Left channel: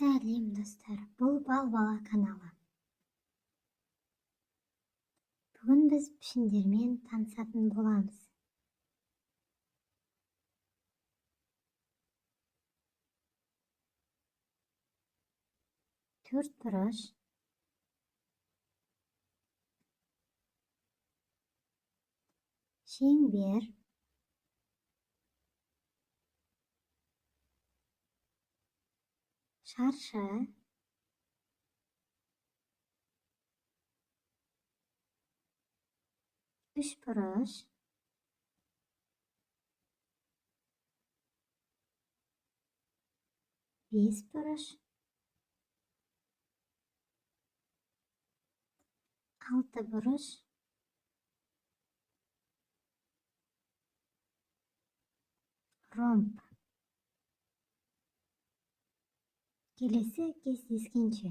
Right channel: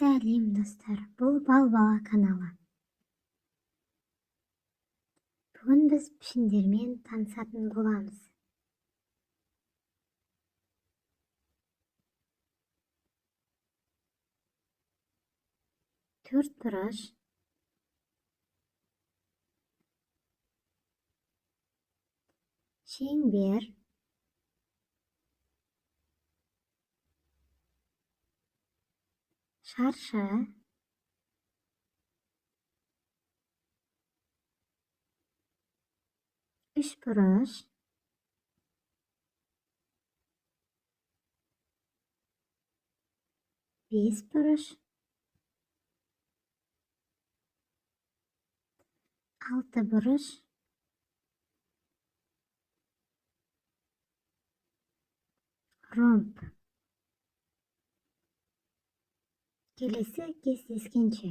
Сәлем достар, бұл Бал Бала каналы. Бүгін біз пішіндермен танысатын боламыз. Төрт бұрыш, шеңбер, шаршы, үш бұрыш, бес бұрыш, алты бұрыш, ромб. Келесі кездескенше.